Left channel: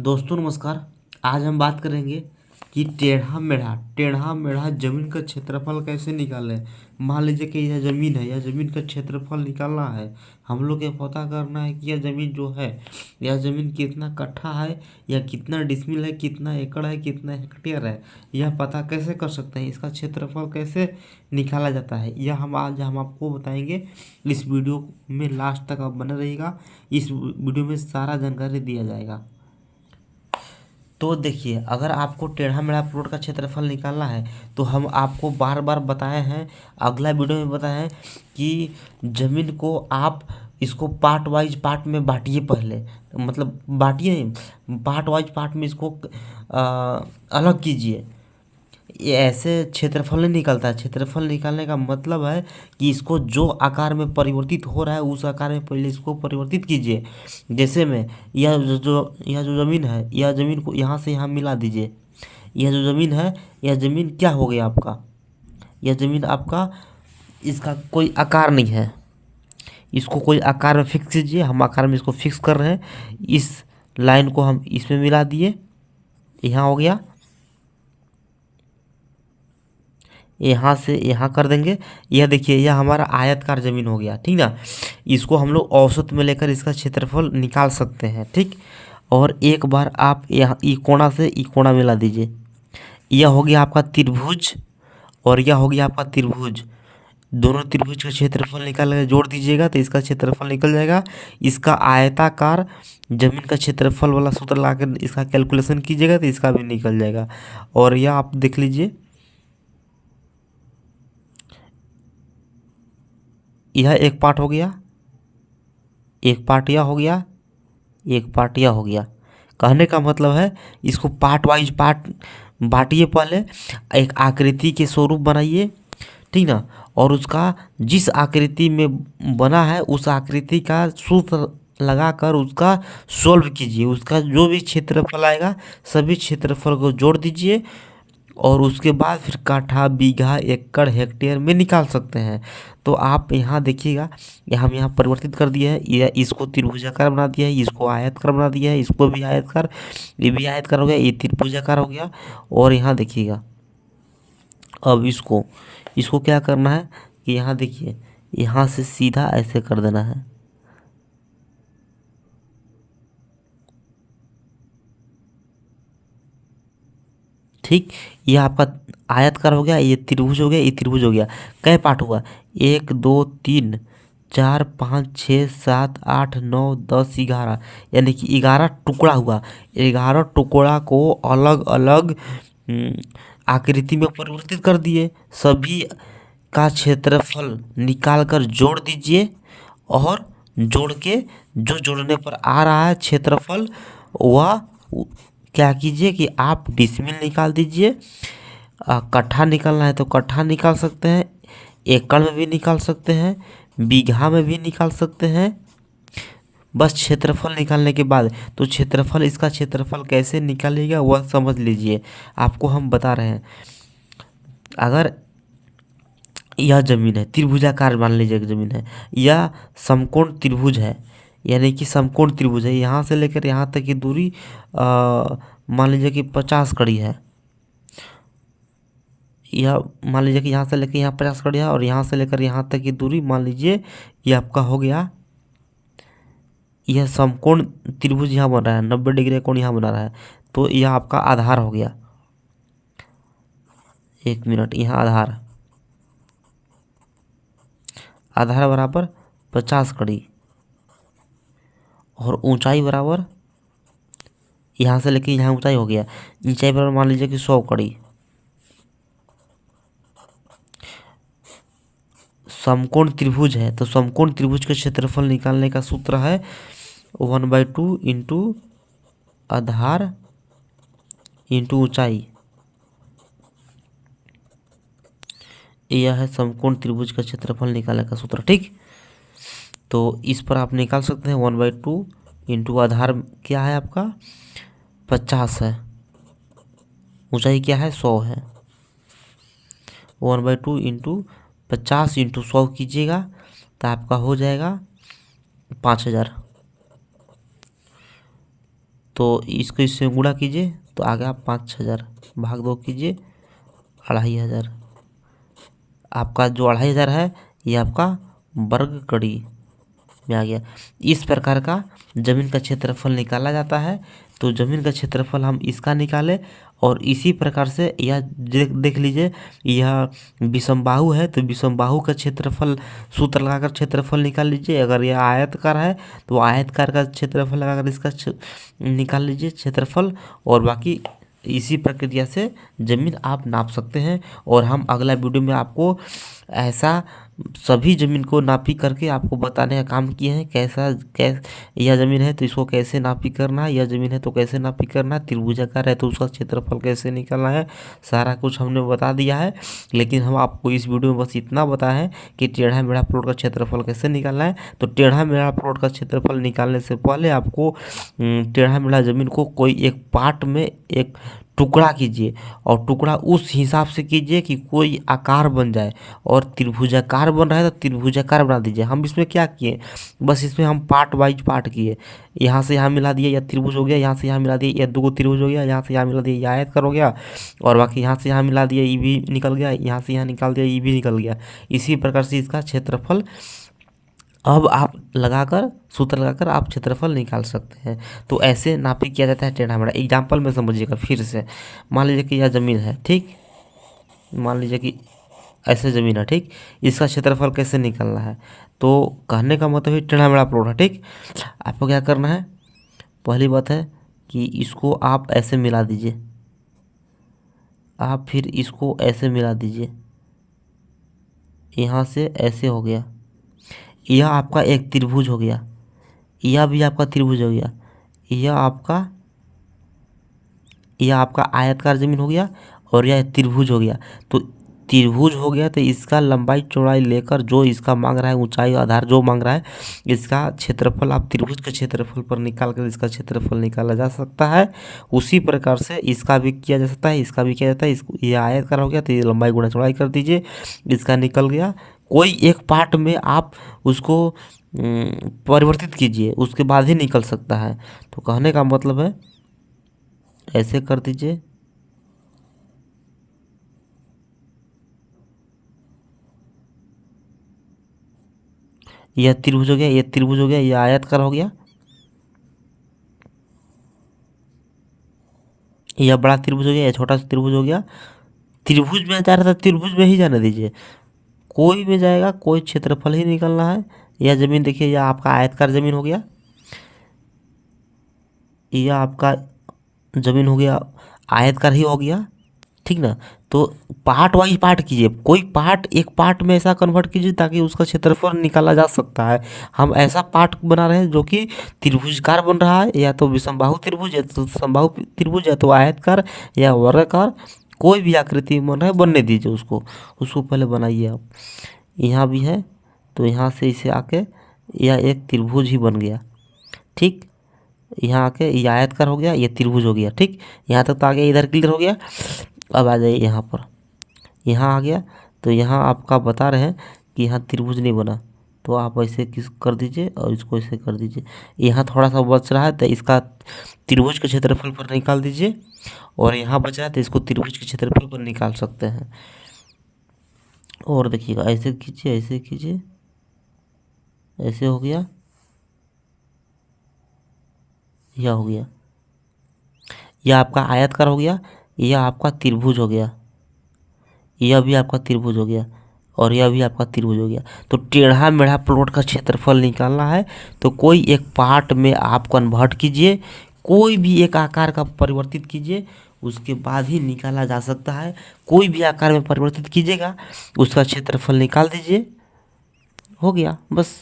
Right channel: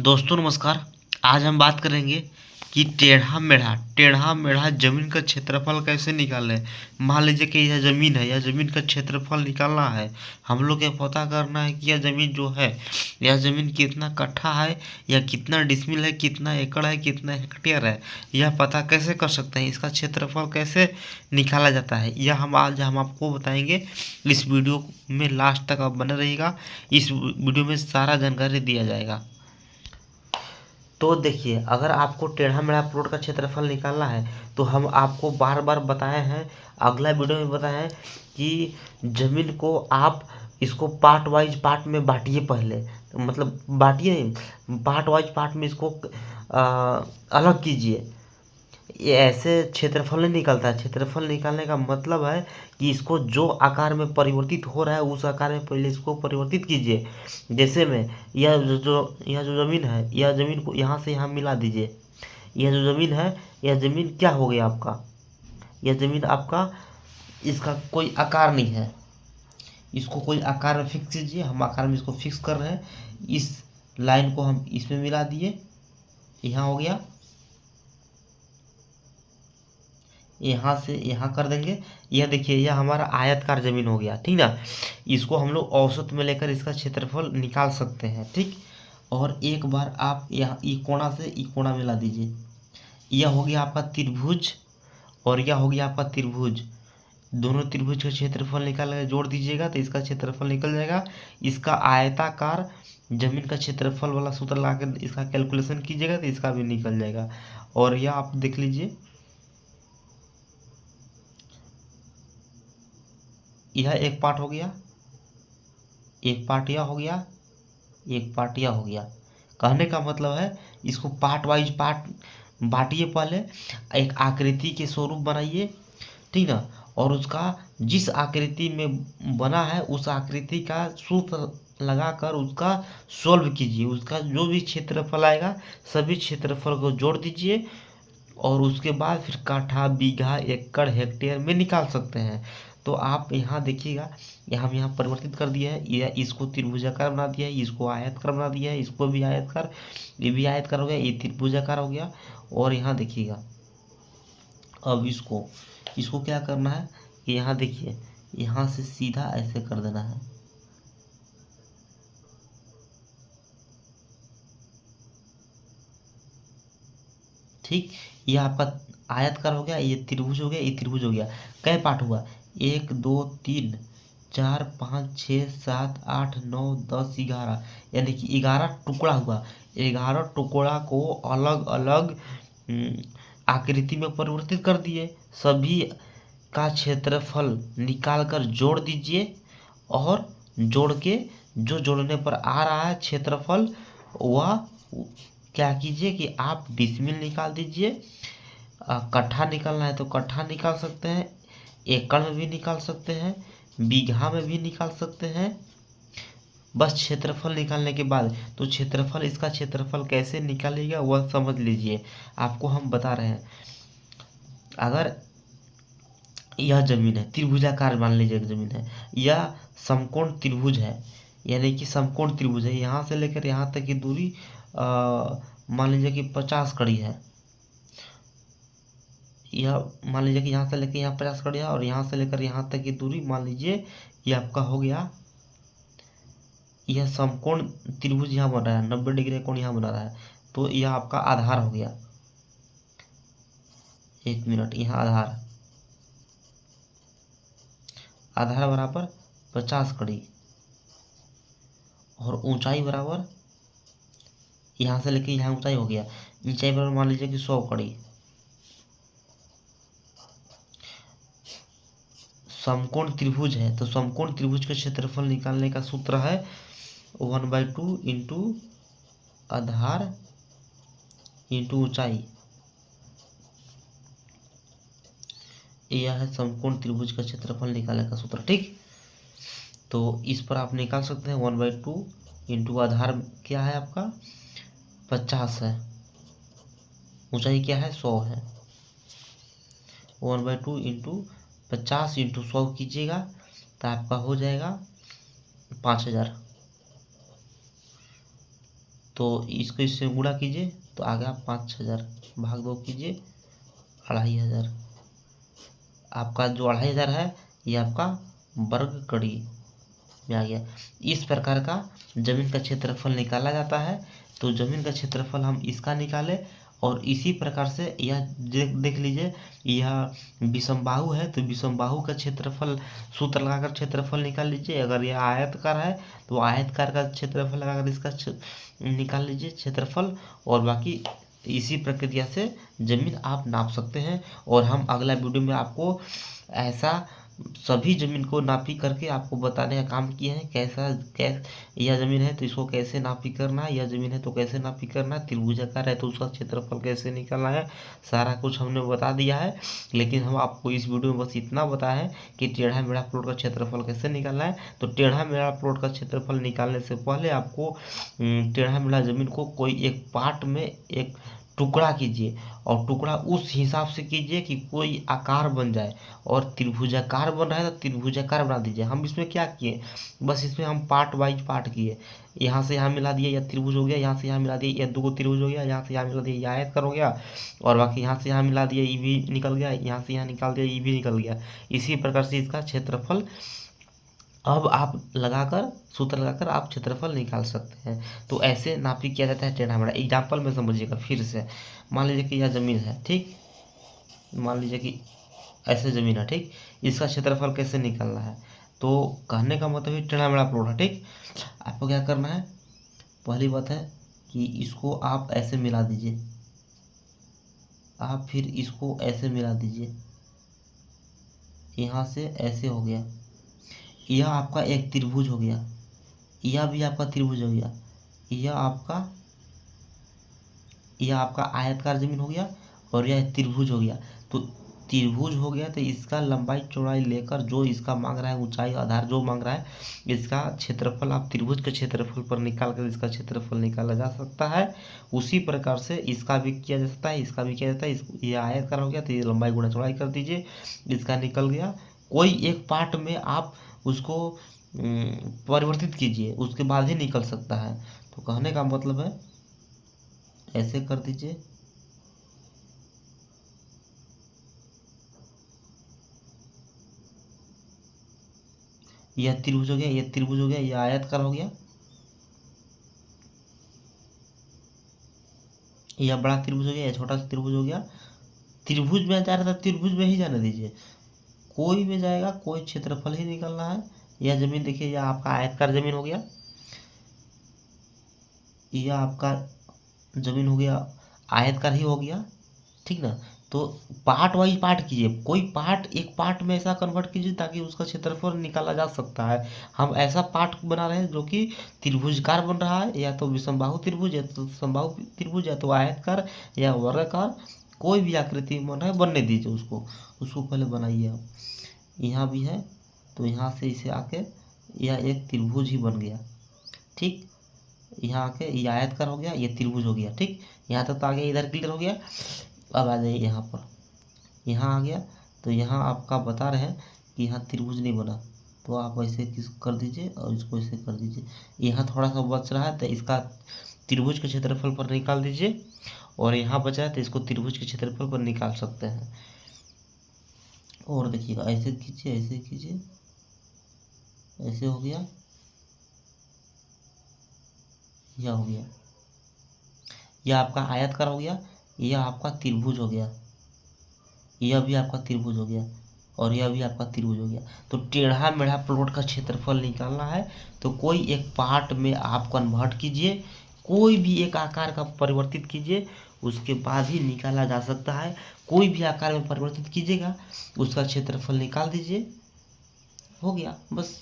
दोस्तों नमस्कार। आज हम बात करेंगे कि टेढ़ा मेढ़ा जमीन का क्षेत्रफल कैसे निकालें। मान लीजिए कि यह ज़मीन है, यह ज़मीन का क्षेत्रफल निकालना है। हम लोग को पता करना है कि यह ज़मीन जो है, यह ज़मीन कितना कट्ठा है या कितना डिसमिल है, कितना एकड़ है, कितना हेक्टेयर है। यह पता कैसे कर सकते हैं, इसका क्षेत्रफल कैसे निकाला जाता है, यह हम आपको बताएंगे। इस वीडियो में लास्ट तक आप बने रहिएगा। इस वीडियो में सारा जानकारी दिया जाएगा। तो देखिए, अगर आपको टेढ़ा मेढ़ा प्लॉट का क्षेत्रफल निकालना है तो हम आपको बार बार बताए हैं, अगला वीडियो में बताए हैं कि ज़मीन को आप इसको पार्ट वाइज पार्ट में बांटिए। पहले मतलब बांटिए नहीं, पार्ट वाइज पार्ट में इसको अलग कीजिए। ये ऐसे क्षेत्रफल नहीं निकलता है। क्षेत्रफल निकालने का मतलब है कि इसको जो आकार में परिवर्तित हो रहा है उस आकार में पहले इसको परिवर्तित कीजिए। जैसे में यह जो ज़मीन है, यह ज़मीन को यहाँ से यहाँ मिला दीजिए। यह जो ज़मीन है, यह ज़मीन क्या हो गया आपका, यह ज़मीन आपका, इसका कोई आकार नहीं है। इसको कोई आकार में फिक्स कीजिए। हम आकार में इसको फिक्स कर रहे हैं। इस लाइन को हम इसमें मिला दिए, यहाँ हो गया। यहाँ से यहाँ कर देंगे। यह देखिए, यह हमारा आयतकार ज़मीन हो गया, ठीक ना। इसको हम लोग औसत में लेकर इसका क्षेत्रफल निकाल सकते हैं, ठीक। और एक बार आप यहाँ ई कोणा से ई कोणा मिला दीजिए। यह हो गया आपका त्रिभुज और यह हो गया आपका त्रिभुज। दोनों त्रिभुज का क्षेत्रफल निकाल कर जोड़ दीजिएगा तो इसका क्षेत्रफल निकल जाएगा। इसका आयताकार जमीन का क्षेत्रफल वाला सूत्र लाकर इसका कैलकुलेशन कीजिएगा तो इसका भी निकल जाएगा। और यह आप देख लीजिए, यह एक पार्ट हो गया, एक पार्ट यह हो गया, एक पार्ट यह हो गया। कहने का मतलब है इसको पार्ट वाइज पार्ट बांटिए। पहले एक आकृति के स्वरूप बनाइए, ठीक ना। और उसका जिस आकृति में बना है उस आकृति का सूत्र लगाकर उसका सोल्व कीजिए। उसका जो भी क्षेत्रफल आएगा सभी क्षेत्रफल को जोड़ दीजिए और उसके बाद फिर काठा, बीघा, एकड़, हेक्टेयर में निकाल सकते हैं। तो आप यहाँ देखिएगा, ये हम यहाँ परिवर्तित कर दिया है। यह इसको त्रिभुजाकार बना दिया है, इसको आयतकार बना दिया है, इसको भी आयतकार, ये भी आयतकार हो गया, ये त्रिभुजाकार हो गया। और यहाँ देखिएगा, अब इसको इसको क्या करना है कि यहाँ देखिए, यहाँ से सीधा ऐसे कर देना है, ठीक। ये आपका आयतकार हो गया, ये त्रिभुज हो गया, ये त्रिभुज हो गया। कै पार्ट हुआ, 1 2 3 4 5 6 7 8 9 10 11, यानी कि 11 टुकड़ा हुआ। 11 टुकड़ा को अलग अलग आकृति में परिवर्तित कर दिए। सभी का क्षेत्रफल निकाल कर जोड़ दीजिए और जोड़ के जो जोड़ने पर आ रहा है क्षेत्रफल, वह क्या कीजिए कि आप डिसमिल निकाल दीजिए। कट्ठा निकालना है तो कट्ठा निकाल सकते हैं, एकड़ में भी निकाल सकते हैं, बीघा में भी निकाल सकते हैं। बस क्षेत्रफल निकालने के बाद, तो क्षेत्रफल, इसका क्षेत्रफल कैसे निकालेगा वह समझ लीजिए। आपको हम बता रहे हैं, अगर यह जमीन है त्रिभुजाकार, मान लीजिए एक जमीन है, यह समकोण त्रिभुज है, यानी कि समकोण त्रिभुज है। यहाँ से लेकर यहाँ तक की दूरी मान लीजिए कि 50 कड़ी है। यह मान लीजिए कि यहाँ से लेकर यहाँ 50 कड़ी है और यहाँ से लेकर यहाँ तक की दूरी मान लीजिए ये आपका हो गया। यह समकोण त्रिभुज यहाँ बन रहा है, 90 डिग्री कोण यहाँ बना रहा है, तो यह आपका आधार हो गया। 1 मिनट, यहाँ आधार, आधार बराबर 50 कड़ी और ऊंचाई बराबर, यहाँ से लेके यहाँ ऊंचाई हो गया, ऊंचाई बराबर मान लीजिए कि 100 कड़ी। समकोण त्रिभुज है तो समकोण त्रिभुज का क्षेत्रफल निकालने का सूत्र है 1/2 इंटू आधार इंटू ऊंचाई। यह है समकोण त्रिभुज का क्षेत्रफल निकालने का सूत्र, ठीक। तो इस पर आप निकाल सकते हैं 1/2 इंटू आधार क्या है आपका 50 है, ऊंचाई क्या है 100 है। 1/2 इंटू 50 इंटू 100 कीजिएगा तो आपका हो जाएगा 5000। तो इसको इससे गुणा कीजिए तो आ गया 5,000, भाग 2 कीजिए 2,500। आपका जो 2,500 है ये आपका वर्ग कड़ी में आ गया। इस प्रकार का जमीन का क्षेत्रफल निकाला जाता है। तो जमीन का क्षेत्रफल हम इसका निकाले और इसी प्रकार से यह देख लीजिए, यह विषमबाहु है तो विषमबाहु का क्षेत्रफल सूत्र लगाकर क्षेत्रफल निकाल लीजिए। अगर यह आयतकार है तो आयतकार का क्षेत्रफल लगाकर इसका निकाल लीजिए क्षेत्रफल। और बाकी इसी प्रक्रिया से ज़मीन आप नाप सकते हैं। और हम अगला वीडियो में आपको ऐसा सभी ज़मीन को नापी करके आपको बताने का काम किए हैं। यह ज़मीन है तो इसको कैसे नापी करना है, यह ज़मीन है तो कैसे नापी करना है, त्रिभुजाकार है तो उसका क्षेत्रफल कैसे निकालना है, सारा कुछ हमने बता दिया है। लेकिन हम आपको इस वीडियो में बस इतना बताया है कि टेढ़ा मेढ़ा प्लॉट का क्षेत्रफल कैसे निकालना है। तो टेढ़ा मेढ़ा प्लॉट का क्षेत्रफल निकालने से पहले आपको टेढ़ा मेढ़ा ज़मीन को कोई एक पार्ट में एक टुकड़ा कीजिए और टुकड़ा उस हिसाब से कीजिए कि कोई आकार बन जाए। और त्रिभुजाकार बन रहा है तो त्रिभुजाकार बना दीजिए। हम इसमें क्या किए, बस इसमें हम पार्ट वाइज पार्ट किए। यहाँ से यहाँ मिला दिए, यह त्रिभुज हो गया। यहाँ से यहाँ मिला दिए, यह 2 त्रिभुज हो गया। यहाँ से यहाँ मिला दिए, यह आयतकार हो गया। और बाकी यहाँ से यहाँ मिला दिया, ये भी निकल गया। यहाँ से यहाँ निकाल दिया, ये भी निकल गया। इसी प्रकार से इसका क्षेत्रफल अब आप लगाकर सूत्र लगाकर आप क्षेत्रफल निकाल सकते हैं। तो ऐसे नापी किया जाता है टेढ़ा मेढ़ा। एग्जाम्पल में समझिएगा फिर से। मान लीजिए कि यह ज़मीन है, ठीक। मान लीजिए कि ऐसे ज़मीन है, ठीक। इसका क्षेत्रफल कैसे निकालना है, तो कहने का मतलब है टेढ़ा मेढ़ा प्लॉट है, ठीक। आपको क्या करना है, पहली बात है कि इसको आप ऐसे मिला दीजिए। आप फिर इसको ऐसे मिला दीजिए, यहाँ से ऐसे हो गया। यह आपका एक त्रिभुज हो गया, यह भी आपका त्रिभुज हो गया। यह आपका आयतकार ज़मीन हो गया और यह त्रिभुज हो गया। तो त्रिभुज हो गया तो इसका लंबाई चौड़ाई लेकर जो इसका मांग रहा है, ऊंचाई आधार जो मांग रहा है, इसका क्षेत्रफल आप त्रिभुज के क्षेत्रफल पर निकाल कर इसका क्षेत्रफल निकाला जा सकता है। उसी प्रकार से इसका भी किया जा सकता है, इसका भी किया जाता है। ये आयतकार हो गया तो ये लंबाई गुणा चौड़ाई कर दीजिए, इसका निकल गया। कोई एक पार्ट में आप उसको परिवर्तित कीजिए, उसके बाद ही निकल सकता है। तो कहने का मतलब है ऐसे कर दीजिए, यह त्रिभुज हो गया, यह त्रिभुज हो गया, यह आयतकार हो गया, यह बड़ा त्रिभुज हो गया, यह छोटा त्रिभुज हो गया। त्रिभुज में जा रहा था, त्रिभुज में ही जाने दीजिए, कोई में जाएगा, कोई क्षेत्रफल ही निकलना है। यह ज़मीन देखिए, यह आपका आयतकार ज़मीन हो गया, यह आपका ज़मीन हो गया आयतकार ही हो गया, ठीक ना। तो पार्ट वाइज पार्ट कीजिए, कोई पार्ट एक पार्ट में ऐसा कन्वर्ट कीजिए ताकि उसका क्षेत्रफल निकाला जा सकता है। हम ऐसा पार्ट बना रहे हैं जो कि त्रिभुजकार बन रहा है, या तो विषमबाहु त्रिभुज, या तो समबाहु त्रिभुज, या तो आयतकार या वर्गाकार, कोई भी आकृति बन रहा है बनने दीजिए उसको। उसको पहले बनाइए आप। यहाँ भी है तो यहाँ से इसे आके यह एक त्रिभुज ही बन गया, ठीक। यहाँ आके ये आयतकार हो गया, ये त्रिभुज हो गया, ठीक। यहाँ तक तो आ गया, इधर क्लियर हो गया। अब आ जाइए यहाँ पर, यहाँ आ गया। तो यहाँ आपका बता रहे हैं कि यहाँ त्रिभुज नहीं बना, तो आप ऐसे किस कर दीजिए और इसको ऐसे कर दीजिए। यहाँ थोड़ा सा बच रहा है तो इसका त्रिभुज के क्षेत्रफल पर निकाल दीजिए, और यहाँ बचा है तो इसको त्रिभुज के क्षेत्रफल पर निकाल सकते हैं। और देखिएगा, ऐसे खींचिए, ऐसे खींचिए, ऐसे हो गया, यह हो गया, यह आपका आयतकार हो गया, यह आपका त्रिभुज हो गया, यह भी आपका त्रिभुज हो गया, और यह भी आपका त्रिभुज हो गया। तो टेढ़ा मेढ़ा प्लॉट का क्षेत्रफल निकालना है तो कोई एक पार्ट में आप कन्वर्ट कीजिए, कोई भी एक आकार का परिवर्तित कीजिए, उसके बाद ही निकाला जा सकता है। कोई भी आकार में परिवर्तित कीजिएगा, उसका क्षेत्रफल निकाल दीजिए, हो गया बस।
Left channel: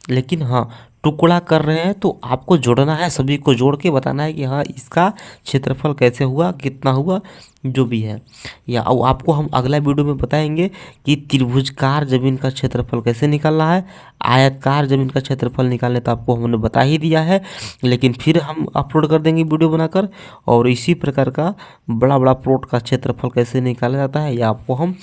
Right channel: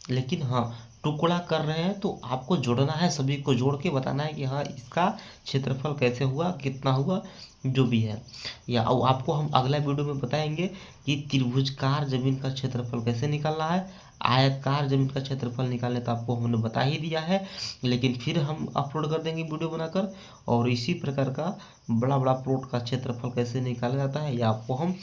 लेकिन हाँ, टुकड़ा कर रहे हैं तो आपको जोड़ना है, सभी को जोड़ के बताना है कि हाँ इसका क्षेत्रफल कैसे हुआ, कितना हुआ, जो भी है। या आपको हम अगला वीडियो में बताएंगे कि त्रिभुजकार ज़मीन का क्षेत्रफल कैसे निकालना है। आयतकार ज़मीन का क्षेत्रफल निकालने तो आपको हमने बता ही दिया है, लेकिन फिर हम अपलोड कर देंगे वीडियो बनाकर। और इसी प्रकार का बड़ा बड़ा प्लॉट का क्षेत्रफल कैसे निकाला जाता है, या आपको हम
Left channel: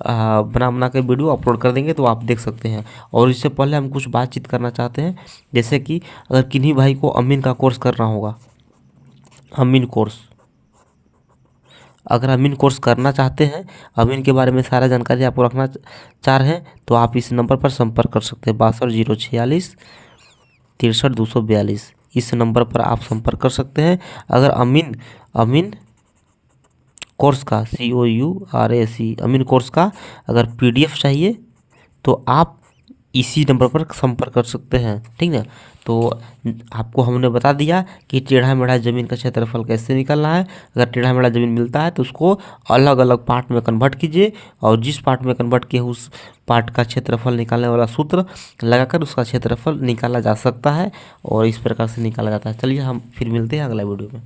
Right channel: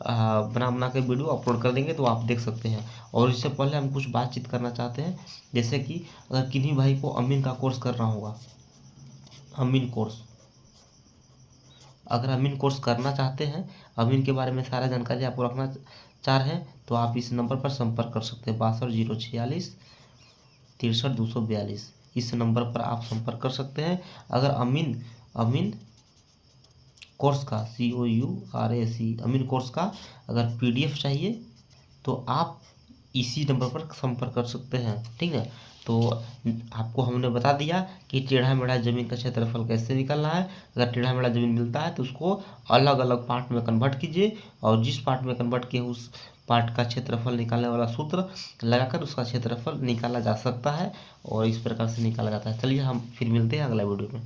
बना के वीडियो अपलोड कर देंगे, तो आप देख सकते हैं। और इससे पहले हम कुछ बातचीत करना चाहते हैं, जैसे कि अगर किन्हीं भाई को अमीन का कोर्स करना होगा अमीन कोर्स। अगर अमीन कोर्स करना चाहते हैं, अमीन के बारे में सारा जानकारी आपको रखना चाह रहे हैं, तो आप इस नंबर पर संपर्क कर सकते हैं 62 046 63 242। इस नंबर पर आप संपर्क कर सकते हैं। अगर अमीन अमीन कोर्स का COURSE अमीन कोर्स का अगर PDF चाहिए तो आप इसी नंबर पर संपर्क कर सकते हैं, ठीक है। तो आपको हमने बता दिया कि टेढ़ा मेढ़ा ज़मीन का क्षेत्रफल कैसे निकालना है। अगर टेढ़ा मेढ़ा ज़मीन मिलता है तो उसको अलग अलग पार्ट में कन्वर्ट कीजिए, और जिस पार्ट में कन्वर्ट किए उस पार्ट का क्षेत्रफल निकालने वाला सूत्र लगाकर उसका क्षेत्रफल निकाला जा सकता है, और इस प्रकार से निकाला जाता है। चलिए हम फिर मिलते हैं अगला वीडियो में।